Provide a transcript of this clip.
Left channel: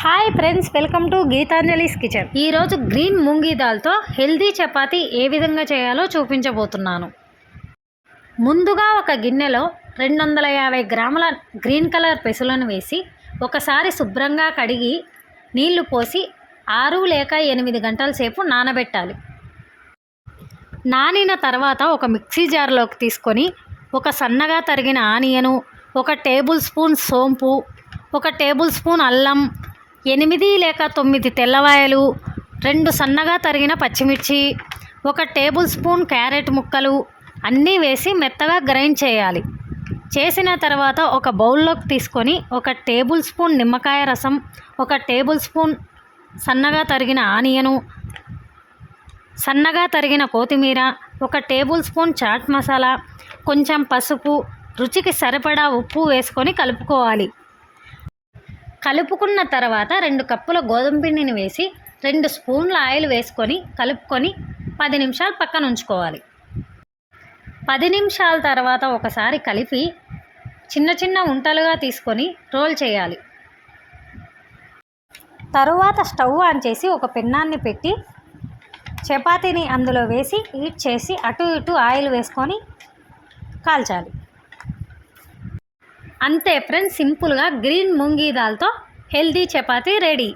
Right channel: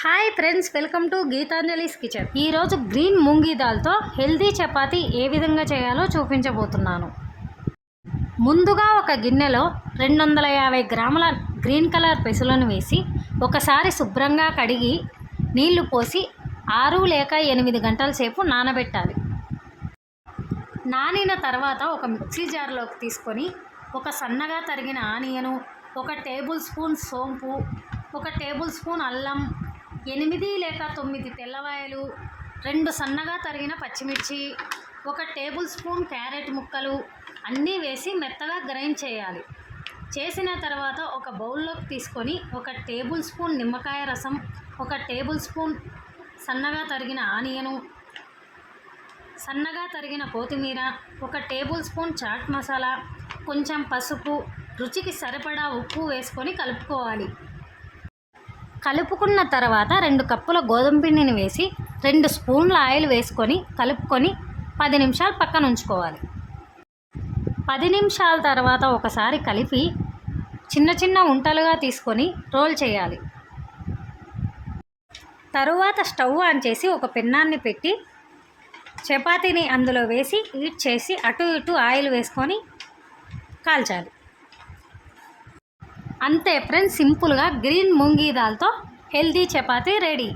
Hi friends, welcome to Geetanjali's kitchen. ఈరోజు green మూంగీ దాల్తో హెల్దీ చపాతీ ఏ విధంగా చేయాలో చూపించబోతున్నాను. ముందుగా ఒక గిన్నెలో 250 గ్రాముల గ్రీన్ కలర్ పెసలను వేసి ఒకసారి శుభ్రంగా కడిగి నీళ్లు పోసి 6 లేక 8 గంటల సేపు నానబెట్టాలి. నానిన తర్వాత ఒక మిక్సీ జార్లోకి తీసుకొని ఒక సన్నగా తరిగిన ఆనియను, 1 టేబుల్ స్పూన్ సోంపు, 1 టేబుల్ స్పూన్ అల్లం, 8 లేక 9 తెల్లవాయలు, 2 సన్నగా తరిగిన పచ్చిమిర్చి, 1 టేబుల్ స్పూన్ క్యారెట్ ముక్కలు అన్నీ వేసి మెత్తగా గ్రైండ్ చేయాలి. చేసిన తర్వాత ఒక బౌల్లోకి తీసుకొని 1 టేబుల్ స్పూన్ నిమ్మకాయ రసం, 1 టేబుల్ స్పూన్ సన్నగా తరిగిన ఆనియను, సన్నగా తరిగిన కొత్తిమీర, 1 టేబుల్ స్పూన్ చాట్ మసాలా, కొంచెం పసుపు, రుచికి సరిపడా ఉప్పు వేసుకొని కలుపుకోవాలి. కలుపుకున్న తర్వాత 2 కప్పుల గోధుమ పిండిని వేసి 2 స్పూన్ల ఆయిల్ వేసుకొని కలుపుకొని 10 నిమిషాలు పక్కన ఉంచుకోవాలి. 10 నిమిషాల తర్వాత ఒకసారి కలిపి చిన్న చిన్న ఉంటలుగా తీసుకొని రోల్ చేయాలి. తరువాత స్టవ్ ఆన్ చేసి ఒక పెన్నాన్ని పెట్టి చపాతీని అందులో వేసి హీట్ చేసి అటు ఇటు ఆయిల్ వేసుకొని కాల్చాలి. అంతే ఫ్రెండ్స్, సింపుల్గా గ్రీన్ మూంగీ దాల్తో హెల్దీ చపాతీ రెడీ.